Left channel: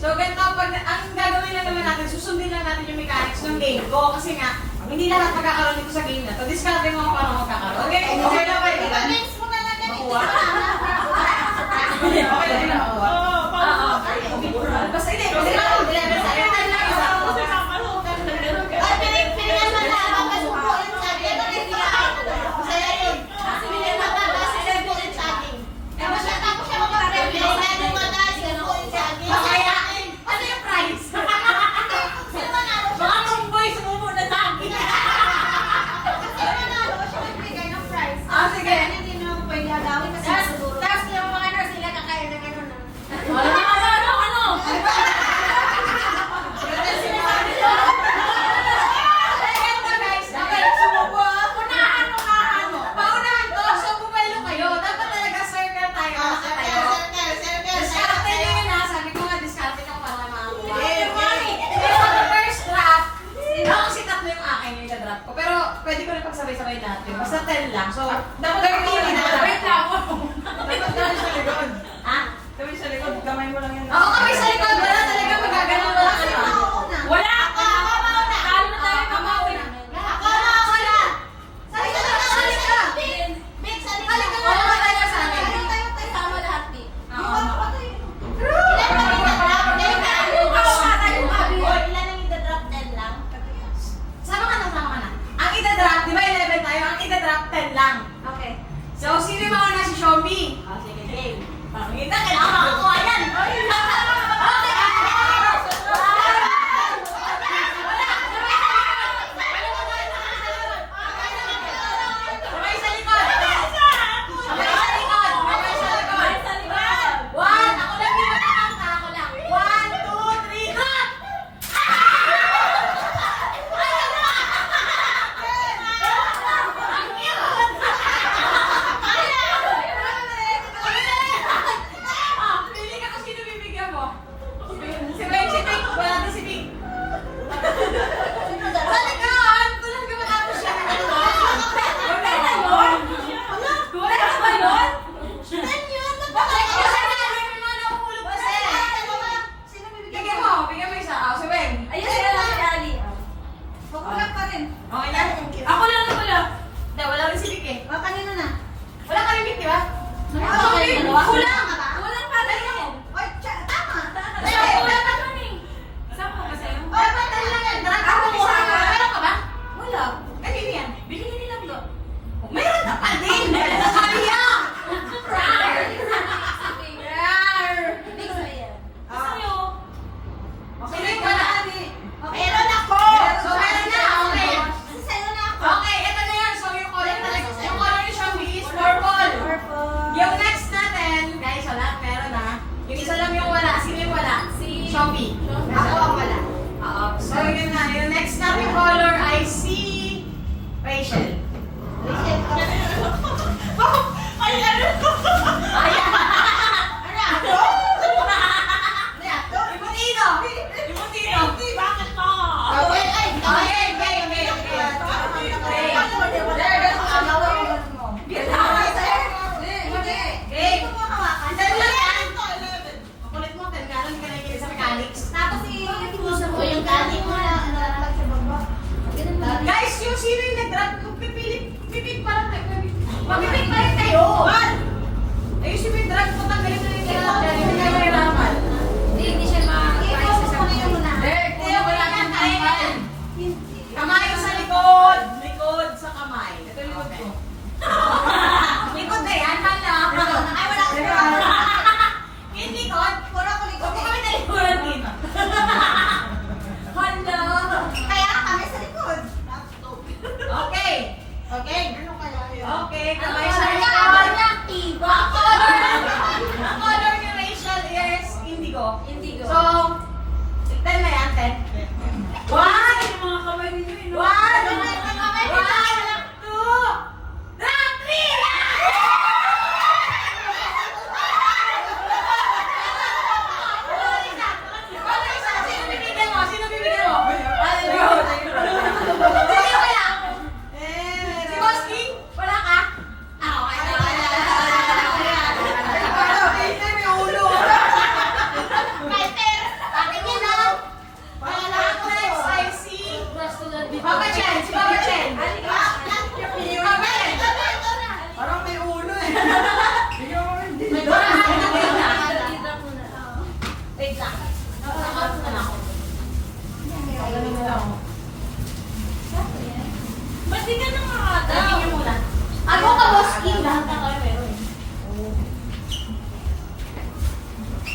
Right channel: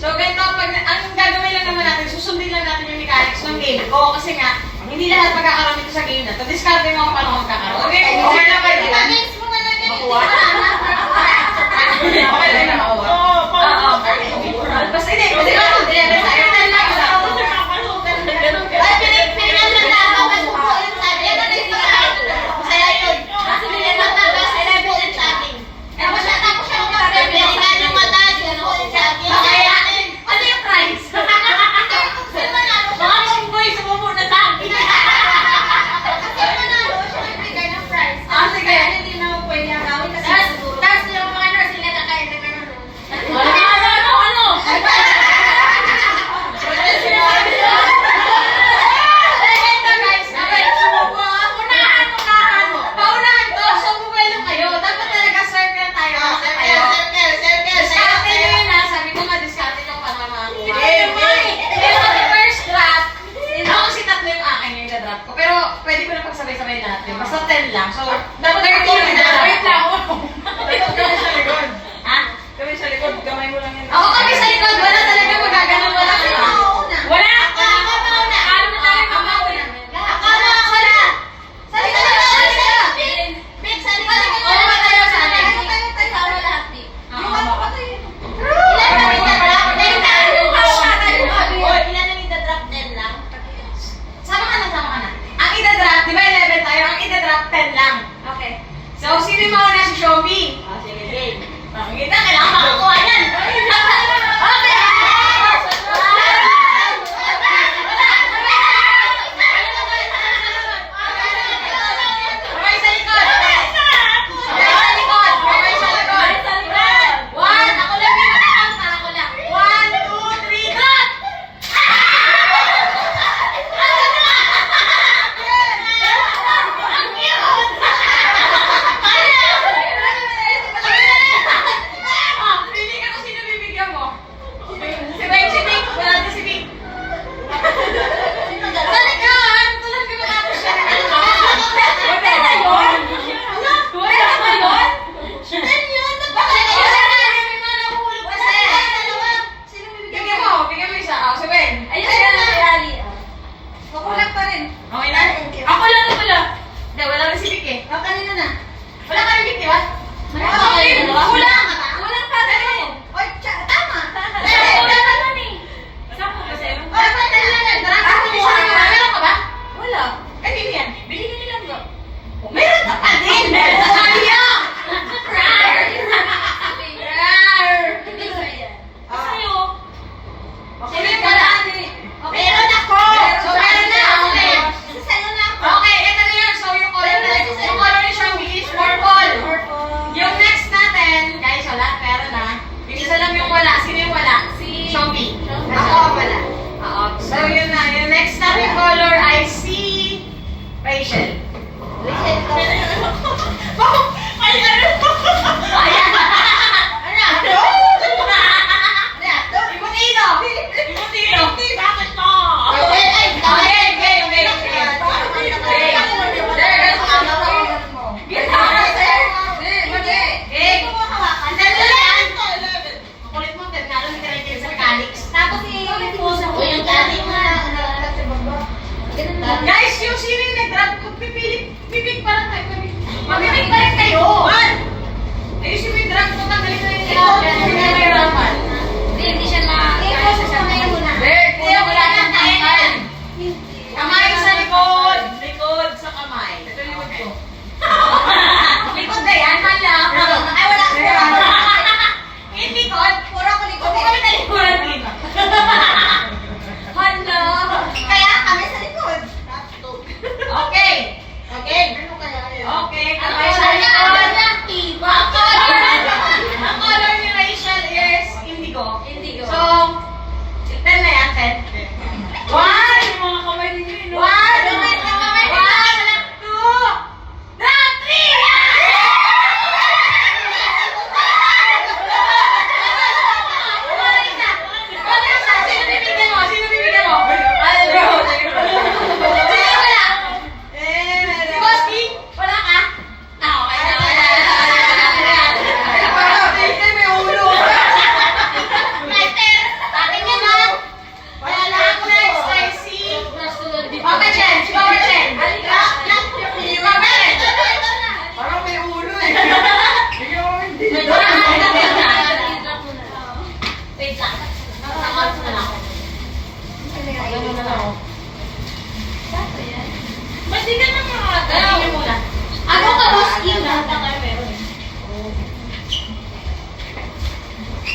So, ganito, ang gagawin lang naman natin, susundin lang natin yung mechanics ng game ko. Kasi nga, hindi lahat magkakaroon dito sa game na to. Discarte mo kung paano magkakaroon. Okay, kung na pa rin. Mix mo na lang yung Okay lang na makuha. Oo. Basta hindi. Kasi ano, hindi. Pwede ko na pagsabay-sabay lahat yun. Basta 10 lang. So, dapat 30 na. Wait lang. Dapat kami sa likod. Ha? Kami sa likod. Gamay mo lang yan. Oo, kami sa likod. Wala talaga magaganon mo lang. Wala! Ako mauna. Ano na tayo? Ako mauna. Ako na. Sa likod. Big, sa likod. Oo, ba tayo sa akin? Tayo sama lahat, Big. Ilan na drop? Ilan na drop? 10 lang? Sama ka na. Ang ida-drop, di ba 11 tayo? Ang ida-drop, 10 lang. Okay. So, sino yung mauna si Shombi? Sige, game. Kailangan makakuha yan.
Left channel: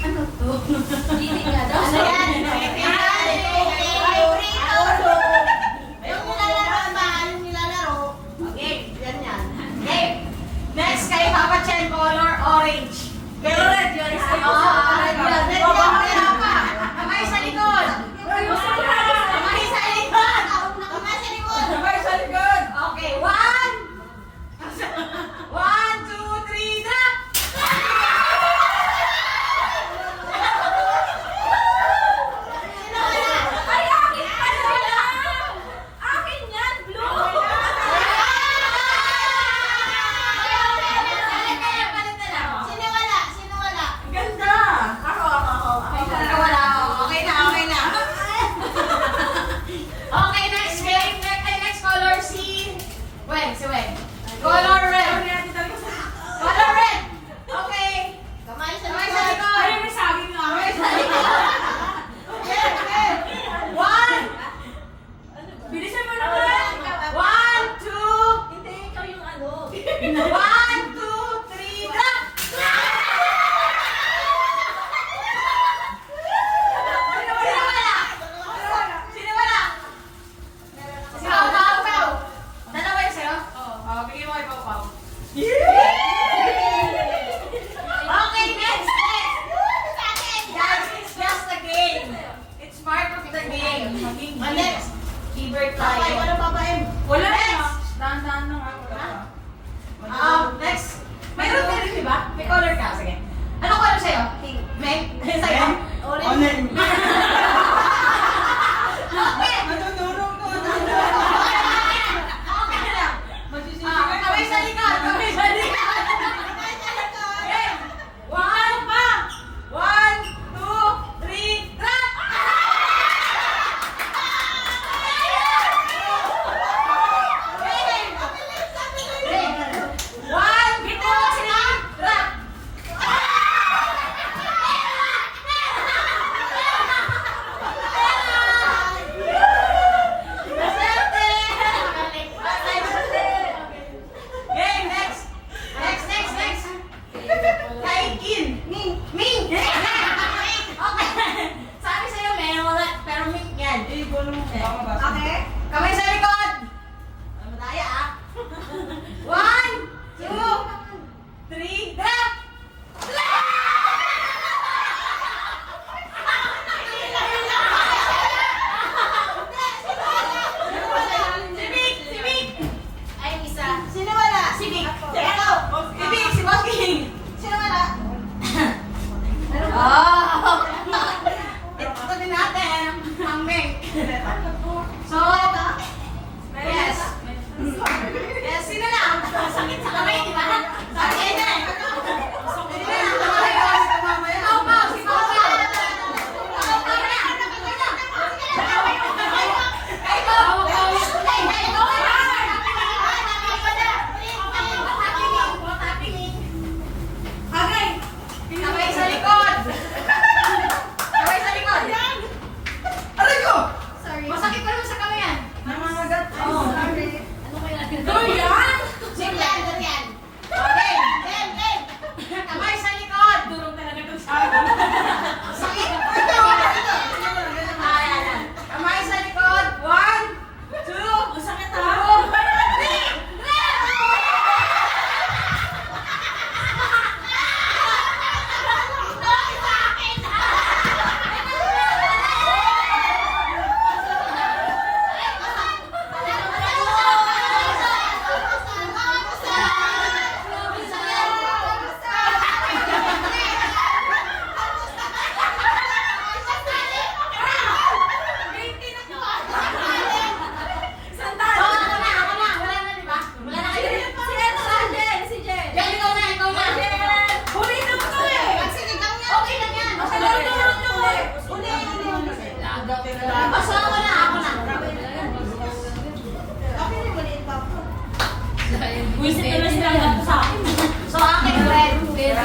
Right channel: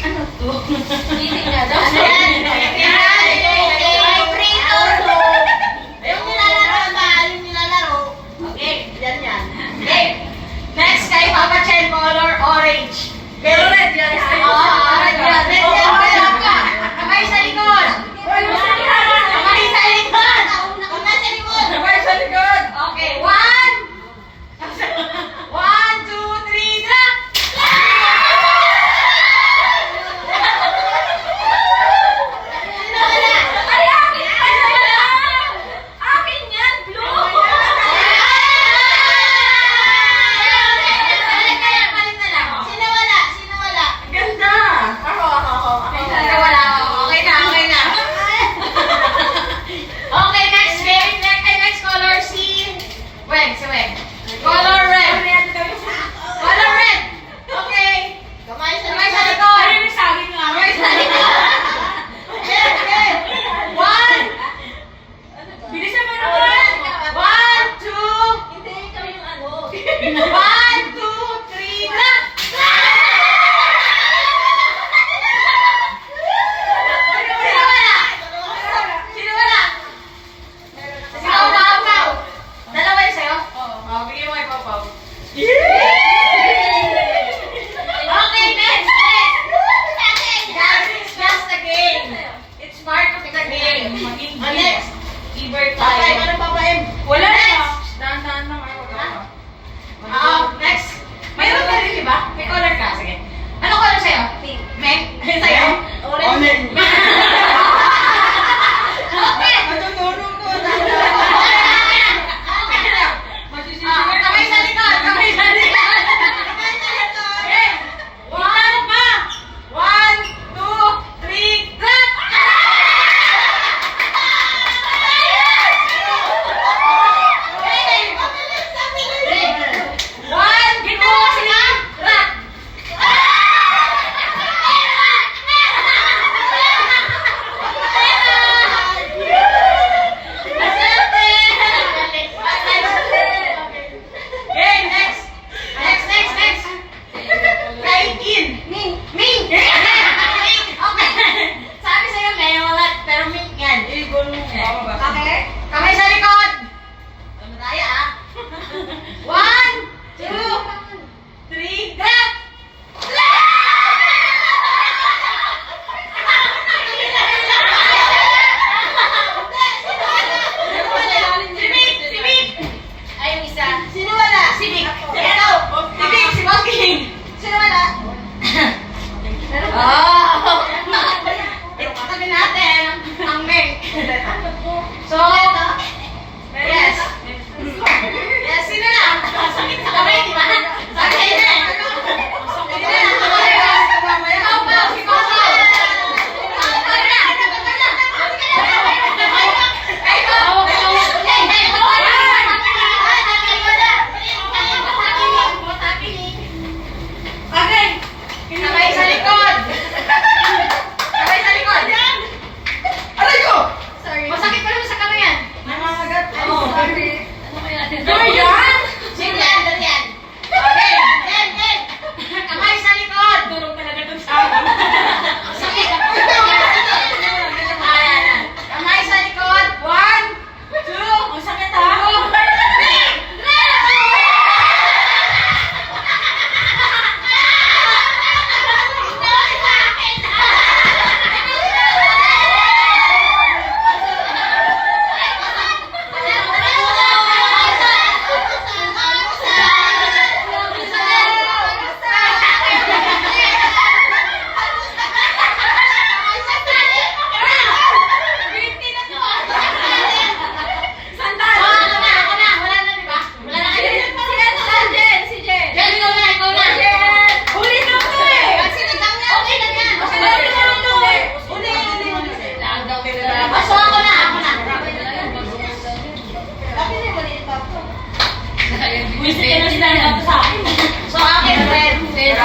Ano to? Hindi nga daw. Ano yan? Yung nilalaro ba? Yung nilalaro. Okay. Yan yan. Okay. Next kay Papa Chen, color orange. Pero red yan. Red yan. Red yan. Wala pa. Kamay sa likod. Kamay sa likod. Kamay sa likod. Kamay sa likod. Okay. 1, 2, 3, drop! Ay, akin pa yan! Akin yan, blue! Balik na lang. Sino wala? Sino wala? Ganda! Ako. Wala. Okay na. Okay, next game. Next color, si Wen. Color red. Color red. Okay. Kamay sa Kamay sa likod. likod. Ano yung sabi nga? Kamay sa likod. Okay. 1, Bilisan mo naman! 1, 2, Hindi, kami yung ano. 1, 2, 3, drop! Sino wala? Si Pau. Dalawa yun sa'yo? Oo. Bigyan mo kay Pau. Okay, next. Guys, it's just a game. It's part of the game. Next. Iber Ay, tayo. ano pa ba? Wala na. Next. Dahan-dahan lang ako. Next. Mayroon ka rin, di ba? May color ka. Sige. Ano color sa'yo? Meg? Sa'yo? Orange. Okay. Matuturo ko. Okay lang. Kamay sa likod. Kamay sa likod. Kamay sa likod. Okay. 1, 2, 3, drop! One, dito kasi na, drop! Okay, next. Next. Kay Kin. Ming. Okay. Sabi sa'yo, may wala, pero Ming yan. Okay? Kamay sa likod. Ano tayo, ah? 1, 2, 3, drop! Si Vic! Ay, yung isa. Sino wala? Si Vic. Si Vic, si Boking. Sino wala? Oh! Ito kami natin, ang Ming. So, yes. Yes, sino na? Sakit sa kamay, di ba? Sabi sa'yo na eh. Sino na? Kamay na. Ikaw pa, ikaw pa. Ikaw pa na. Ay, ikaw. Hey, ikaw na. Okay. Kamay sa likod. Kamay sa likod. Aray ko! Masakit pa naman sa kamay yan. Nangangagat. Oo. Ano kaya natin? Durian? Durian. Okay. Kamay sa likod. Durog talaga itong sa akin. Sakit. Ayan. Kamay sa likod. 1, 2, Ang sakit ha? Sandal! Ako na. Wala na, di ba? Wala na kayo. Si Jen! Jen, ikaw na. Huli na ko eh! Okay na yan. Basta ako na. Wish ka na sila sa akin. So, akin, friend. Pero